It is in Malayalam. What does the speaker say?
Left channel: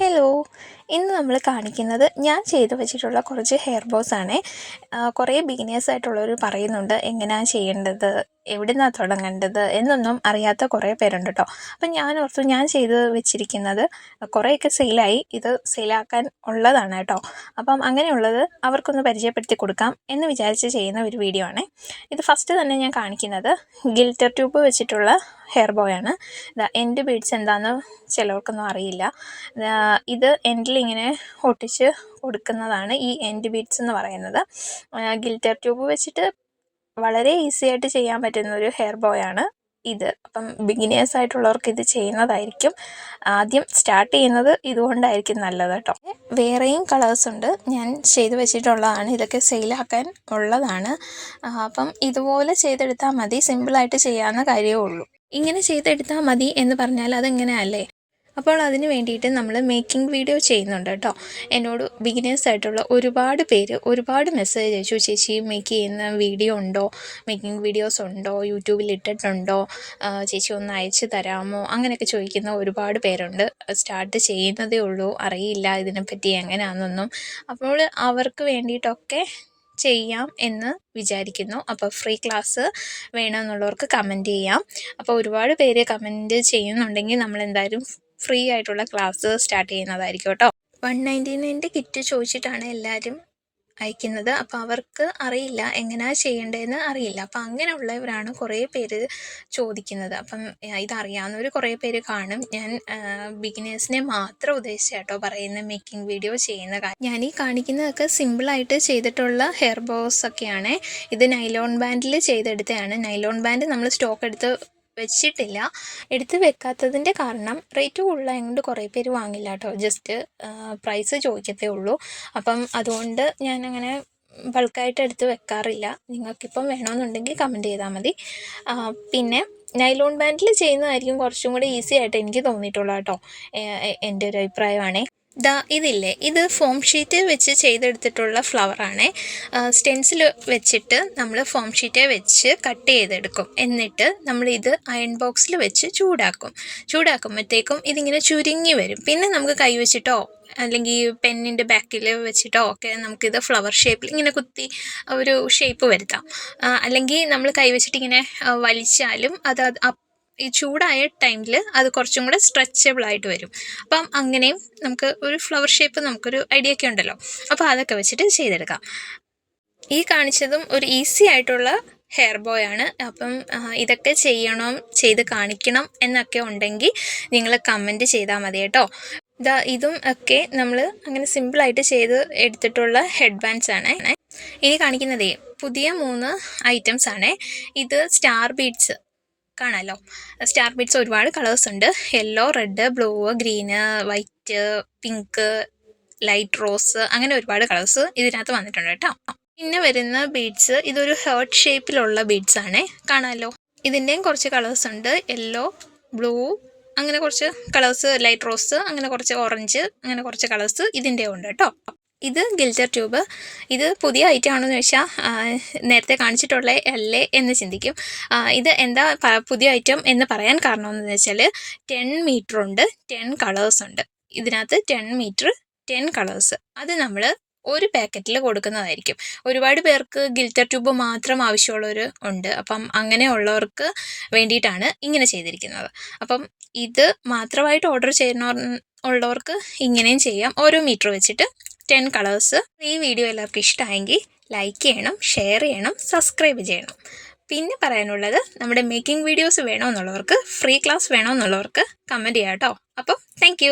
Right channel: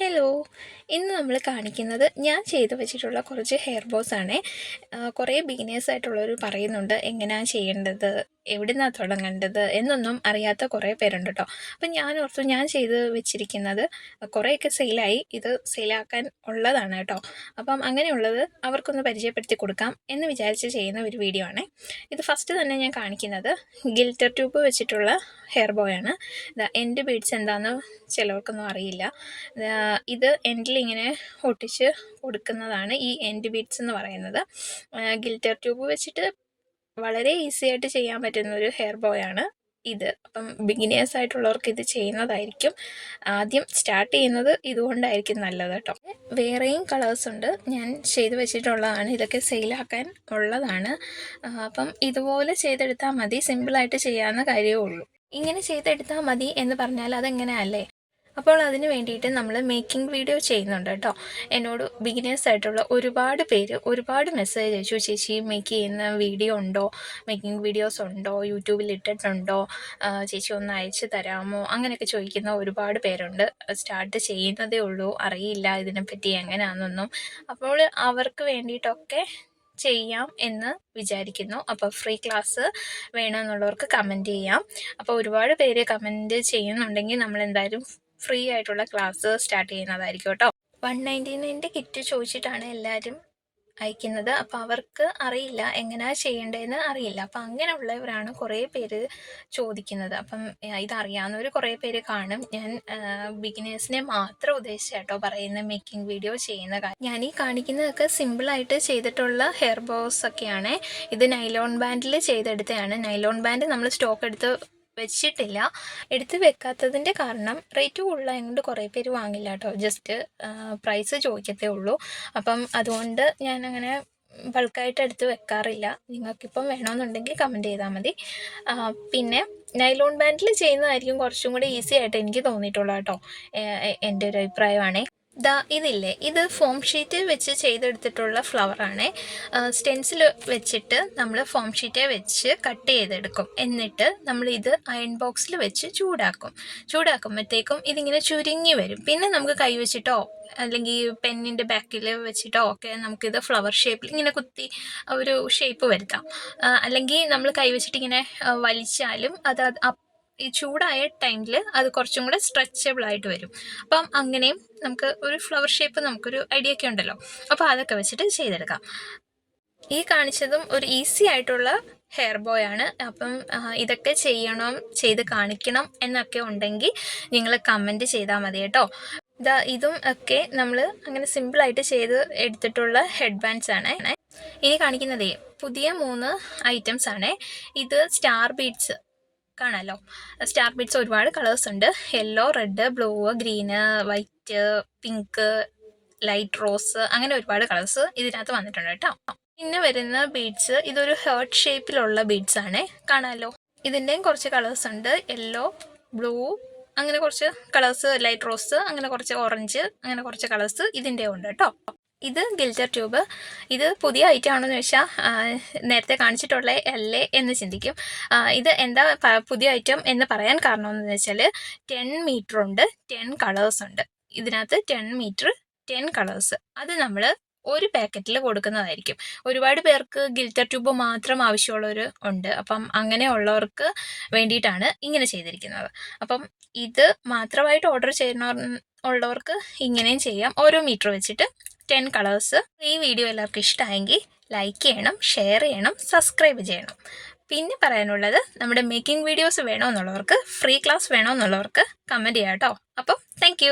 ഹലോ, ഇന്ന് നമ്മൾ കാണിക്കുന്നത് ഞാൻ ചെയ്തു വെച്ചിട്ടുള്ള കുറച്ച് ഹെയർ ബോസ് ആണ്. കുറേ ബിഗിനേഴ്സ് ആയിട്ടുള്ളവർ പറയുന്നുണ്ട് എങ്ങനെയാണ് ചെയ്യേണ്ടത്, എവിടെ നിന്നാണ് തുടങ്ങേണ്ടത് എന്നൊന്നും അറിയാത്ത കുറേ പേരുണ്ട് കേട്ടോ. അപ്പം ഞാൻ ഓർത്തു ഞാൻ ചെയ്ത് വെച്ചിരിക്കുന്നത് കുറേയൊക്കെ സെയിലായി, ഇത് സെയിലാക്കാൻ ഉള്ളതാണ് കേട്ടോ. അപ്പം അങ്ങനെയുള്ളത് അവർക്കൊന്ന് പരിചയപ്പെടുത്തി കൊടുക്കാം എന്ന് വിചാരിച്ച് ചെയ്യുന്ന ഒരു വീഡിയോ ആണ് ഇത്. ഫസ്റ്റ് തന്നെ ഞാൻ കാണിക്കുന്നത് ഗിൽറ്റർ ട്യൂബ് വെച്ചിട്ടുള്ള ഹെയർ ബോയാണ്. എൻഡ് ബീഡ്സ് എന്താണെന്ന് ചിലവർക്കൊന്നും അറിയില്ല. ഇത് എൻഡിൽ ഇങ്ങനെ ഒട്ടിച്ച് കൊടുക്കുന്നതാണ് ഈ എൻഡ് ബീഡ്സ് എന്ന് പറയുന്നത്. ഗിൽറ്റർ ട്യൂബ് വെച്ചിട്ട് വളരെ ഈസി ആയിട്ട് ചെയ്യാൻ പറ്റുന്ന ഒരു ഹെയർ ബോയാണ് ഇത്. അപ്പം ബിഗിനേഴ്സ് ആയിട്ടുള്ളവർക്ക് ഇത് ചെയ്യുന്നതായിരിക്കും ആദ്യം സ്റ്റാർട്ട് ചെയ്യുന്നത്, ഇതുകൊണ്ടായിരിക്കും നല്ലത് കേട്ടോ. വേറെയും കളേഴ്സ് ഉണ്ട്, ഞാൻ ചെയ്ത് വെച്ചിട്ടുള്ളതാണ്. ഇതൊക്കെ സെയിലാക്കാൻ ഉള്ളതാണ്. അപ്പം ഇതുപോലെ ചെയ്തെടുത്താൽ മതി, സിമ്പിളായിട്ട് ചെയ്യാവുന്ന കാര്യമേ ഉള്ളൂ. ഇങ്ങനെ ചെയ്തെടുത്താൽ മതി എന്ന് പറഞ്ഞാൽ അതെങ്ങനെയല്ലേ. അപ്പോൾ അതിന് വേണ്ടിയിട്ട് നമ്മൾ മേക്കിംഗ് വീഡിയോ ചെയ്യുന്നുണ്ട് കേട്ടോ. എന്നോട് ബിഗിനേഴ്സ് ആയിട്ടുള്ള ഒരുപാട് പേര് ഒരുപാട് മെസ്സേജ് അയച്ചു, ചേച്ചി മേക്ക് ചെയ്യുന്ന വീഡിയോ ഉണ്ടോ, മേക്കിംഗ് വീഡിയോസ് ഉണ്ടോ, യൂട്യൂബിൽ ഇട്ടിട്ടുണ്ടോ, ചേച്ചി ഒന്ന് അയച്ചു തരാമോ, അങ്ങനെയൊക്കെ ചോദിക്കുന്ന ഒരുപാട് പേരുണ്ട്. സ്റ്റാർട്ട് ചെയ്യുന്നതേ ഉള്ളൂ, അറിയില്ല ഇതിനെപ്പറ്റി എങ്ങനെയാണെന്നൊന്നും. അപ്പോൾ അവർക്ക് വേണ്ടിയിട്ടൊക്കെ ചെയ്യാം എന്ന് വിചാരിക്കുന്നു. അപ്പോൾ ഫ്രീ ക്ലാസ് വേണമെന്നുള്ളവർക്ക് കമൻറ്റ് ചെയ്യാം. അപ്പോൾ ഒരുപാട് പേര് കമൻറ്റ് ചെയ്യുന്നുണ്ടെങ്കിൽ നമ്മൾ എന്തായാലും ഫ്രീ ആയിട്ടുള്ള ക്ലാസ് സ്റ്റാർട്ട് ചെയ്യുന്നതായിരിക്കും കേട്ടോ. 199 കിറ്റ് ചോദിച്ചിട്ടാണ് എല്ലാവരും അയക്കുന്നത്. അപ്പോൾ അവർക്ക് അറിയില്ല എങ്ങനെയാണ് ചെയ്യേണ്ടതെന്ന് അറിയില്ല. അപ്പം അങ്ങനെയുള്ളവരാണ് കുറേ പേര് ചോദിക്കുന്നത്. അപ്പം ഇതറിയാവുന്നവർ കുറേ പേര് കാണും. ഞാൻ ബിഗിനേഴ്സിനെ മാത്രം ഉദ്ദേശിച്ചാട്ടോ പറയുന്ന മേക്കിംഗ് വീഡിയോ ചെയ്യുന്ന കാര്യം. ഞാൻ ഈ കാണിക്കുന്നതൊക്കെ സിമ്പിളായിട്ട് ചെയ്തിട്ടുള്ള ഹെയർ ബോസ് ഒക്കെയാണ്. ഇത് നൈലോൺ ബാൻഡിൽ ചെയ്തെടുത്തതാണ്. നൈലോൺ ബാൻഡ് നമ്മൾ സ്റ്റോക്ക് എടുത്ത് വെച്ചിട്ടില്ല. എടുത്ത് വെക്കാത്തതിൻ്റെ കാരണം റേറ്റ് കൂടുതലായതുകൊണ്ട് കുറേ പേര് വാങ്ങില്ല കേട്ടോ. ജസ്റ്റ് പ്രൈസ് ചോദിക്കത്തേ ഉള്ളൂ. അപ്പം അതുകൊണ്ട് ഞാനങ്ങനെ ബൾക്കായിട്ട് എടുത്ത് വെക്കാറില്ല. നിങ്ങൾക്കിപ്പം വേണമെന്നുണ്ടെങ്കിൽ കമൻറ്റ് ചെയ്താൽ മതി. പിന്നെ നൈലോൺ ബാൻഡിൽ ചെയ്യുന്നതായിരിക്കും കുറച്ചും കൂടി ഈസി ആയിട്ട് എനിക്ക് തോന്നിയിട്ടുള്ളത് കേട്ടോ. എൻ്റെ ഒരു അഭിപ്രായമാണ്. ഇതില്ലേ, ഇത് ഫോം ഷീറ്റ് വെച്ച് ചെയ്തെടുത്തിട്ടുള്ള ഫ്ലവറാണ്. സ്റ്റെൻസിൽ വെച്ചിട്ട് നമ്മൾ ഫോം ഷീറ്റ് വെച്ച് കട്ട് ചെയ്തെടുക്കും. എന്നിട്ട് നമ്മളിത് അയൺ ബോക്സിൽ വെച്ച് ചൂടാക്കുമ്പോഴത്തേക്കും ഇതിങ്ങനെ ചുരുങ്ങി വരും. പിന്നെ നമുക്ക് കൈ വെച്ചിട്ടോ അല്ലെങ്കിൽ പെന്നിൻ്റെ ബാക്കിൽ വെച്ചിട്ടോ ഒക്കെ നമുക്കിത് ഫ്ലവർ ഷേപ്പിൽ ഇങ്ങനെ കുത്തി ഒരു ഷേപ്പ് വരുത്താം. അല്ലെങ്കിൽ നമ്മൾ കൈ വെച്ചിട്ട് ഇങ്ങനെ വലിച്ചാലും അത് ഈ ചൂടായ ടൈമിൽ അത് കുറച്ചും കൂടെ സ്ട്രെച്ചബിളായിട്ട് വരും. അപ്പം അങ്ങനെയും നമുക്ക് ഒരു ഫ്ലവർ ഷേപ്പ് നമുക്കൊരു ഐഡിയ ഒക്കെ ഉണ്ടല്ലോ. അപ്പോൾ അതൊക്കെ വെച്ചിട്ട് ചെയ്തെടുക്കാം. ഈ കാണിച്ചതും ഒരു ഈസി ആയിട്ടുള്ള ഹെയർ ബോയ് ആണ്. അപ്പം ഇതൊക്കെ ചെയ്ത് കാണിക്കണം എന്നൊക്കെ ഉണ്ടെങ്കിൽ നിങ്ങൾ കമൻറ്റ് ചെയ്താൽ മതി കേട്ടോ. ഇതും ഒക്കെ നമ്മൾ അങ്ങനെ സിമ്പിളായിട്ട് ചെയ്ത് എടുത്തിട്ടുള്ള ഹെഡ് ബാൻഡ്സ് ആണ്. ഇനി കാണിക്കുന്നതേ പുതിയ 3 ഐറ്റംസ് ആണ്. ഇത് സ്റ്റാർ ബീഡ്സ് കാണാമല്ലോ. സ്റ്റാർ ബീഡ്സ് ഒരുപാട് കളേഴ്സ് ഉണ്ട്. Yellow, red, blue, green, white, pink, light rose, അങ്ങനെ ഒരുപാട് കളേഴ്സ് ഇതിനകത്ത് വന്നിട്ടുണ്ട് കേട്ടോ. പിന്നെ വരുന്ന ബീഡ്സ് ഇതൊരു ഹേർട്ട് ഷേപ്പിലുള്ള ബീഡ്സ് ആണ്, കാണാമല്ലോ. ഇതിൻ്റെയും കുറച്ച് കളേഴ്സ് ഉണ്ട്. യെല്ലോ, ബ്ലൂ, അങ്ങനെ കുറച്ച് കളേഴ്സ്, ലൈറ്റ് റോസ്, അങ്ങനെ കുറച്ച് ഓറഞ്ച്, അങ്ങനെ കുറച്ച് കളേഴ്സ് ഇതിൻ്റെ ഉണ്ട് കേട്ടോ. ഇത് ഗിൽറ്റർ ട്യൂബ്. ഇത് പുതിയ ഐറ്റം ആണെന്ന് വെച്ചാൽ നേരത്തെ കാണിച്ചിട്ടുള്ള അല്ലേ എന്ന് ചിന്തിക്കും. ഇത് എന്താ പുതിയ ഐറ്റം എന്ന് പറയാൻ കാരണമെന്ന് വെച്ചാൽ 10 മീറ്റർ ഉണ്ട്, 10 കളേഴ്സ് ഉണ്ട്. ഇതിനകത്ത് 10 മീറ്റർ 10 കളേഴ്സ് അത് നമ്മൾ ഒരു പാക്കറ്റിൽ കൊടുക്കുന്നതായിരിക്കും. ഒരുപാട് പേർക്ക് ഗിൽറ്റർ ട്യൂബ് മാത്രം ആവശ്യമുള്ളവർ ഉണ്ട്. അപ്പം അങ്ങനെയുള്ളവർക്ക് വേണ്ടിയിട്ടാണ് ഇങ്ങനെ ചെയ്തിരിക്കുന്നത്. അപ്പം ഇത് മാത്രമായിട്ട് ഓർഡർ ഉള്ളവർക്ക് ഇങ്ങനെയും ചെയ്യാം. ഓരോ മീറ്റർ വെച്ചിട്ട് 10 കളേഴ്സ്. ഈ വീഡിയോ എല്ലാവർക്കും ഇഷ്ടമായെങ്കിൽ ലൈക്ക് ചെയ്യണം, ഷെയർ ചെയ്യണം, സബ്സ്ക്രൈബ് ചെയ്യണം. പിന്നെ പറയാനുള്ളത്, നമ്മുടെ മേക്കിംഗ് വീഡിയോസ് വേണമെന്നുള്ളവർക്ക്, ഫ്രീ ക്ലാസ് വേണമെന്നുള്ളവർക്ക് കമൻറ്റ് ചെയ്യാം കേട്ടോ. അപ്പം താങ്ക്